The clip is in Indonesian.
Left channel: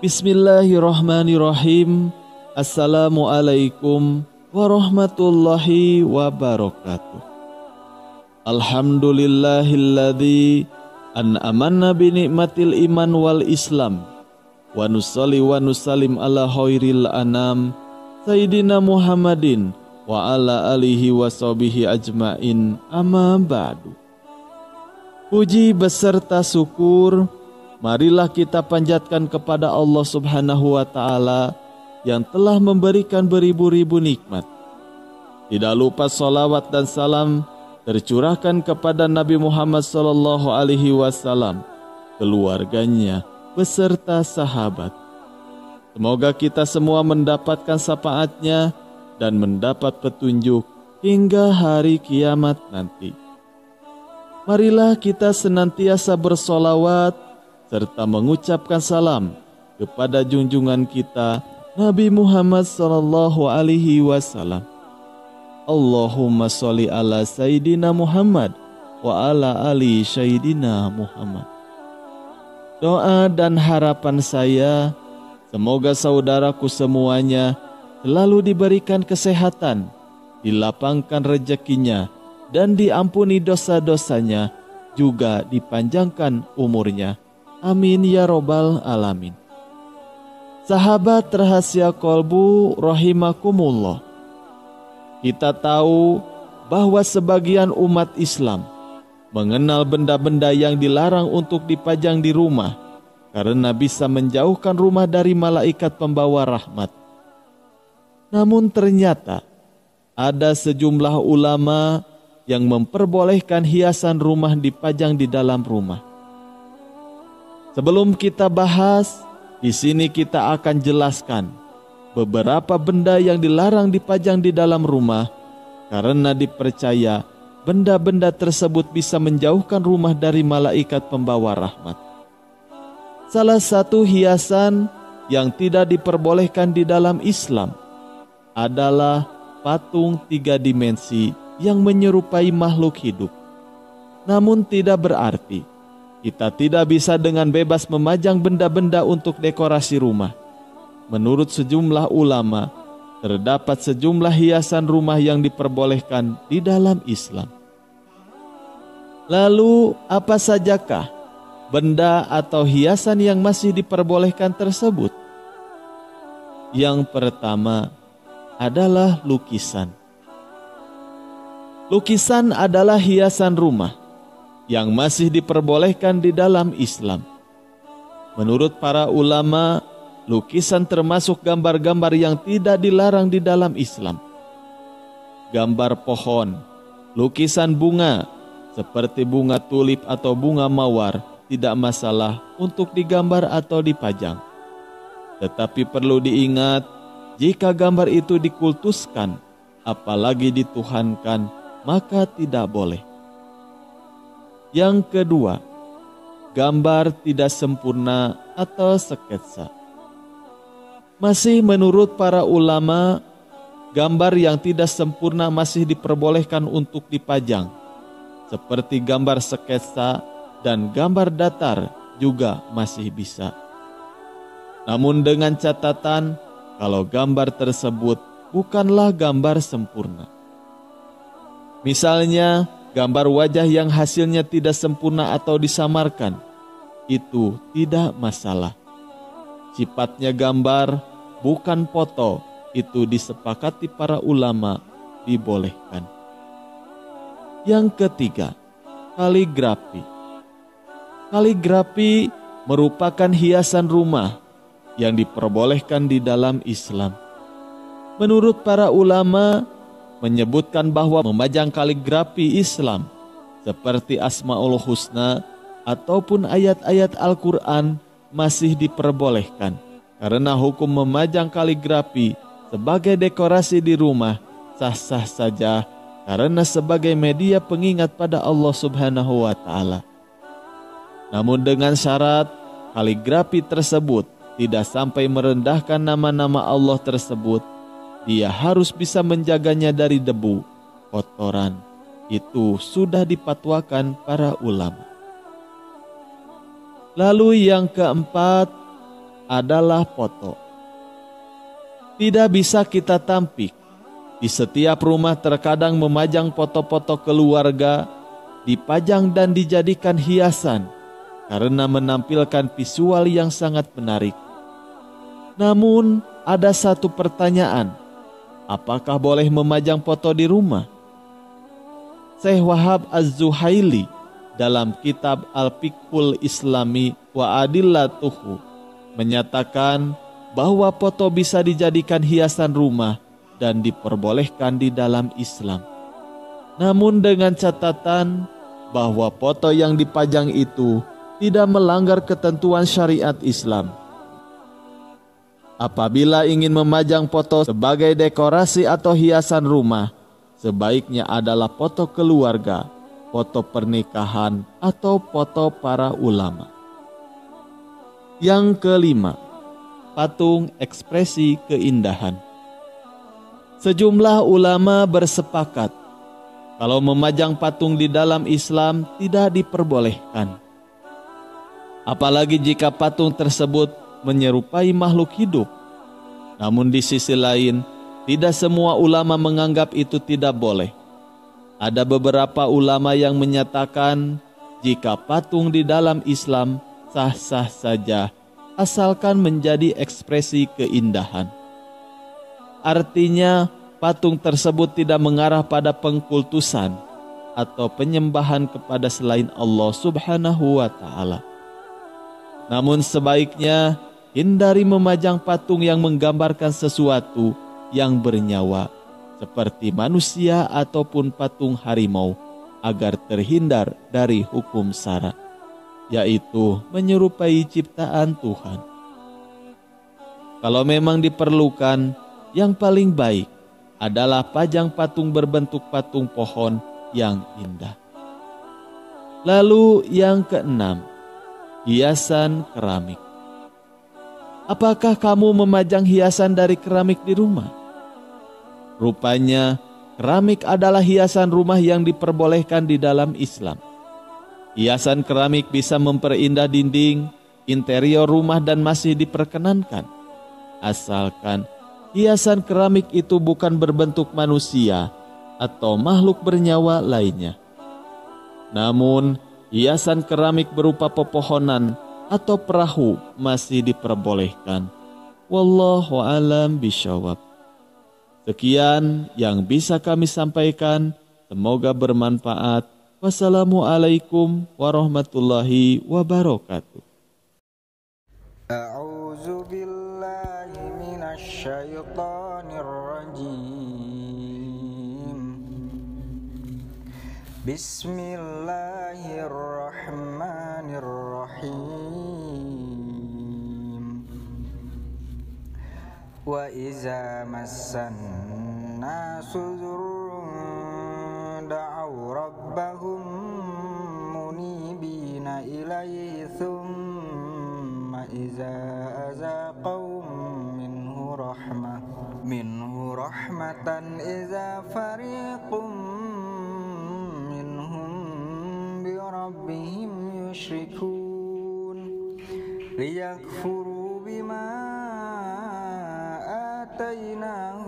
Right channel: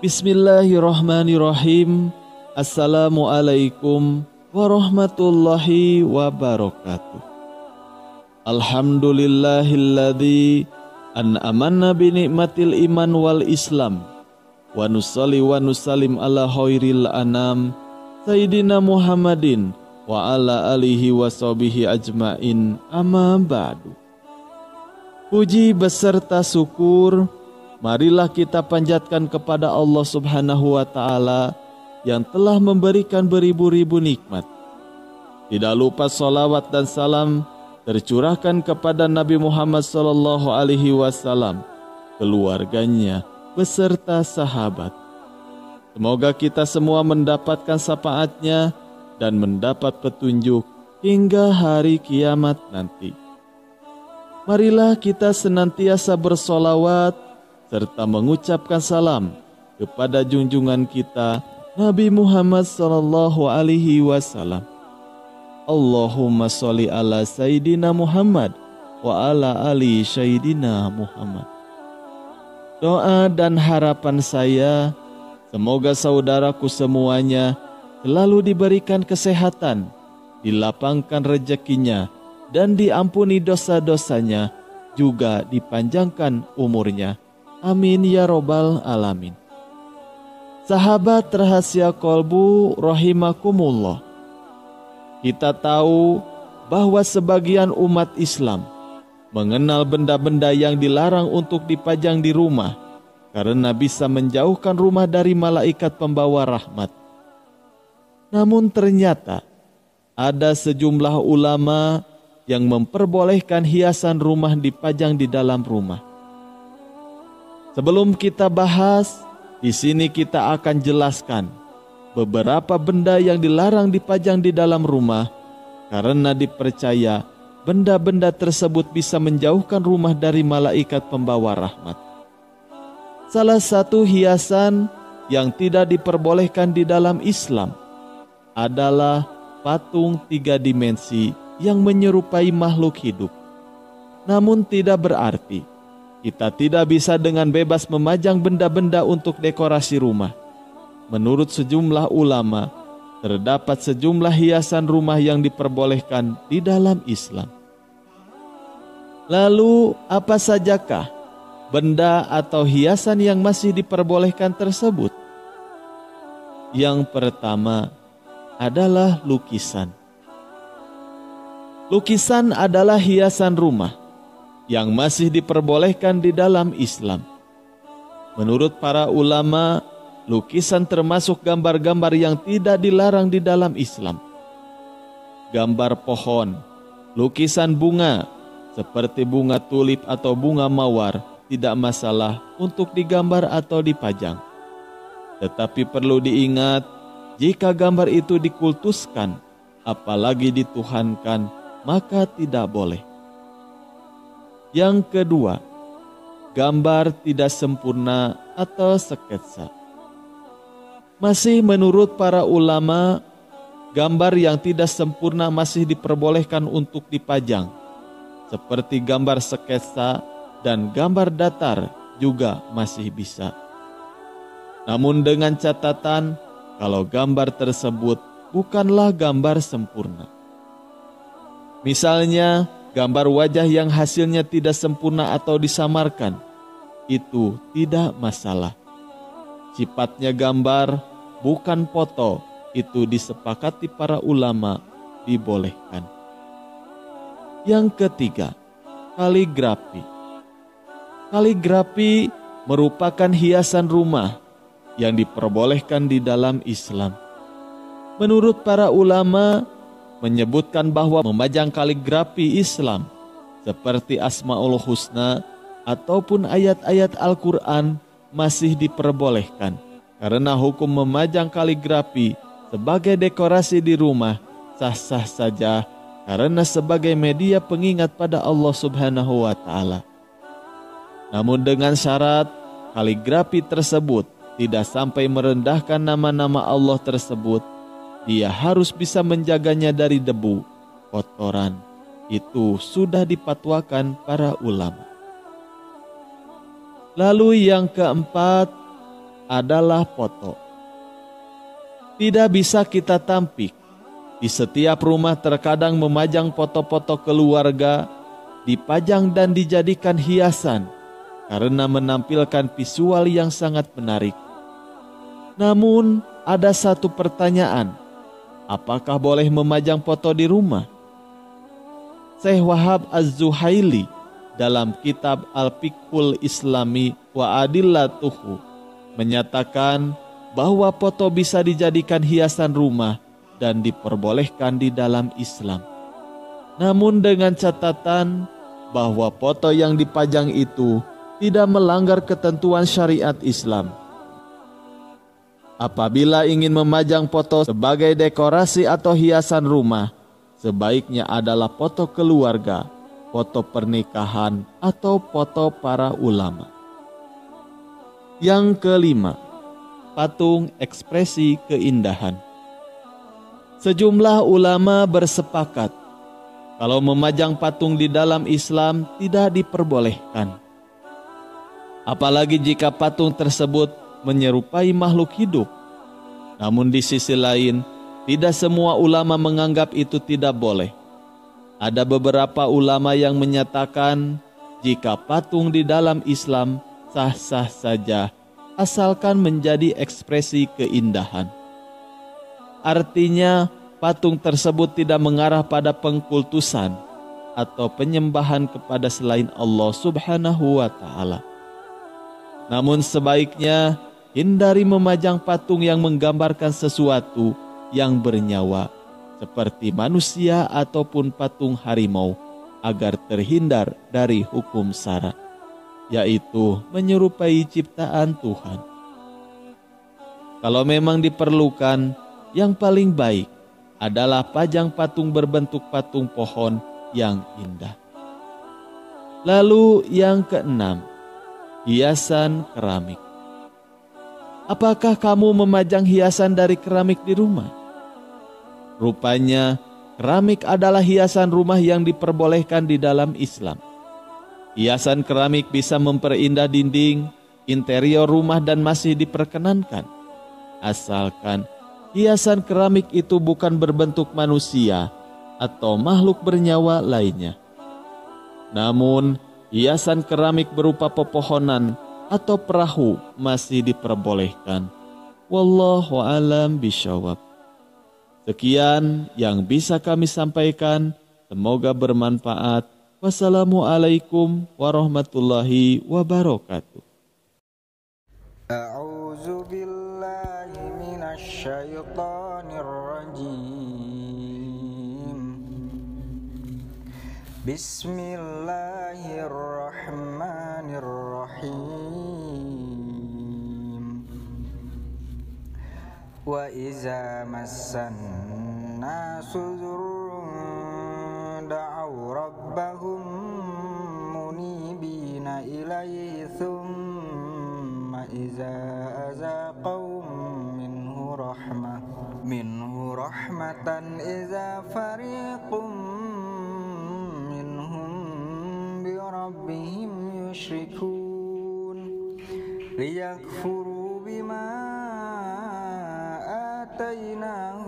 Bismillahirrahmanirrahim. Assalamualaikum warahmatullahi wabarakatuh. Alhamdulillahilladzi an'amanna binikmatil iman wal islam. Wa nusalli wa nusallim ala khairil anam Sayyidina Muhammadin wa ala alihi wa sahbihi ajmain, amma ba'du. Puji beserta syukur marilah kita panjatkan kepada Allah Subhanahu wa Ta'ala yang telah memberikan beribu-ribu nikmat. Tidak lupa salawat dan salam tercurahkan kepada Nabi Muhammad SAW, keluarganya beserta sahabat. Semoga kita semua mendapatkan syafaatnya dan mendapat petunjuk hingga hari kiamat nanti. Marilah kita senantiasa bersolawat serta mengucapkan salam kepada junjungan kita Nabi Muhammad SAW. Allahumma sholli ala Sayyidina Muhammad wa ala ali Sayyidina Muhammad. Doa dan harapan saya, semoga saudaraku semuanya selalu diberikan kesehatan, dilapangkan rezekinya, dan diampuni dosa-dosanya, juga dipanjangkan umurnya. Amin ya robbal alamin. Sahabat rahasia kolbu rahimakumullah, kita tahu bahwa sebagian umat Islam mengenal benda-benda yang dilarang untuk dipajang di rumah karena bisa menjauhkan rumah dari malaikat pembawa rahmat. Namun ternyata ada sejumlah ulama yang memperbolehkan hiasan rumah dipajang di dalam rumah. Sebelum kita bahas, di sini kita akan jelaskan beberapa benda yang dilarang dipajang di dalam rumah karena dipercaya benda-benda tersebut bisa menjauhkan rumah dari malaikat pembawa rahmat. Salah satu hiasan yang tidak diperbolehkan di dalam Islam adalah patung 3 dimensi yang menyerupai makhluk hidup. Namun tidak berarti kita tidak bisa dengan bebas memajang benda-benda untuk dekorasi rumah. Menurut sejumlah ulama, terdapat sejumlah hiasan rumah yang diperbolehkan di dalam Islam. Lalu, apa sajakah benda atau hiasan yang masih diperbolehkan tersebut? Yang pertama adalah lukisan. Lukisan adalah hiasan rumah yang masih diperbolehkan di dalam Islam. Menurut para ulama, lukisan termasuk gambar-gambar yang tidak dilarang di dalam Islam. Gambar pohon, lukisan bunga, seperti bunga tulip atau bunga mawar, tidak masalah untuk digambar atau dipajang. Tetapi perlu diingat, jika gambar itu dikultuskan, apalagi dituhankan, maka tidak boleh. Yang kedua, gambar tidak sempurna atau sketsa. Masih menurut para ulama, gambar yang tidak sempurna masih diperbolehkan untuk dipajang, seperti gambar sketsa dan gambar datar juga masih bisa. Namun dengan catatan, kalau gambar tersebut bukanlah gambar sempurna. Misalnya, gambar wajah yang hasilnya tidak sempurna atau disamarkan, itu tidak masalah. Sifatnya gambar, bukan foto, itu disepakati para ulama dibolehkan. Yang ketiga, kaligrafi. Kaligrafi merupakan hiasan rumah yang diperbolehkan di dalam Islam. Menurut para ulama, menyebutkan bahwa memajang kaligrafi Islam seperti Asmaul Husna ataupun ayat-ayat Al-Quran masih diperbolehkan, karena hukum memajang kaligrafi sebagai dekorasi di rumah sah-sah saja karena sebagai media pengingat pada Allah Subhanahu wa Ta'ala. Namun dengan syarat kaligrafi tersebut tidak sampai merendahkan nama-nama Allah tersebut, dia harus bisa menjaganya dari debu, kotoran. Itu sudah dipatwakan para ulama. Lalu yang keempat adalah foto. Tidak bisa kita tampik. Di setiap rumah terkadang memajang foto-foto keluarga, dipajang dan dijadikan hiasan karena menampilkan visual yang sangat menarik. Namun, ada satu pertanyaan. Apakah boleh memajang foto di rumah? Syekh Wahab Az-Zuhaili dalam kitab Al-Fiqhul Islami wa Adillatuhu menyatakan bahwa foto bisa dijadikan hiasan rumah dan diperbolehkan di dalam Islam. Namun dengan catatan bahwa foto yang dipajang itu tidak melanggar ketentuan syariat Islam. Apabila ingin memajang foto sebagai dekorasi atau hiasan rumah, sebaiknya adalah foto keluarga, foto pernikahan, atau foto para ulama. Yang kelima, patung ekspresi keindahan. Sejumlah ulama bersepakat kalau memajang patung di dalam Islam tidak diperbolehkan. Apalagi jika patung tersebut menyerupai makhluk hidup. Namun di sisi lain, tidak semua ulama menganggap itu tidak boleh. Ada beberapa ulama yang menyatakan jika patung di dalam Islam sah-sah saja, asalkan menjadi ekspresi keindahan. Artinya, patung tersebut tidak mengarah pada pengkultusan atau penyembahan kepada selain Allah Subhanahu wa Ta'ala. Namun sebaiknya hindari memajang patung yang menggambarkan sesuatu yang bernyawa, seperti manusia ataupun patung harimau, agar terhindar dari hukum syara, yaitu menyerupai ciptaan Tuhan. Kalau memang diperlukan, yang paling baik adalah pajang patung berbentuk patung pohon yang indah. Lalu yang keenam, hiasan keramik. Apakah kamu memajang hiasan dari keramik di rumah? Rupanya, keramik adalah hiasan rumah yang diperbolehkan di dalam Islam. Hiasan keramik bisa memperindah dinding, interior rumah dan masih diperkenankan. Asalkan hiasan keramik itu bukan berbentuk manusia atau makhluk bernyawa lainnya. Namun, hiasan keramik berupa pepohonan atau perahu masih diperbolehkan. Wallahu a'lam bishawab. Sekian yang bisa kami sampaikan. Semoga bermanfaat. Wassalamualaikum warahmatullahi wabarakatuh. A'udzu billahi minasy syaithanir rajim. Bismillahirrahmanirrahim. Wa iza massan nasu dzurrun da'aw rabbahum munibina ilaihi thumma iza azaqahum minhu rahmatan iza fariqum rabbihim yushrikun liyakfuru bima atainahum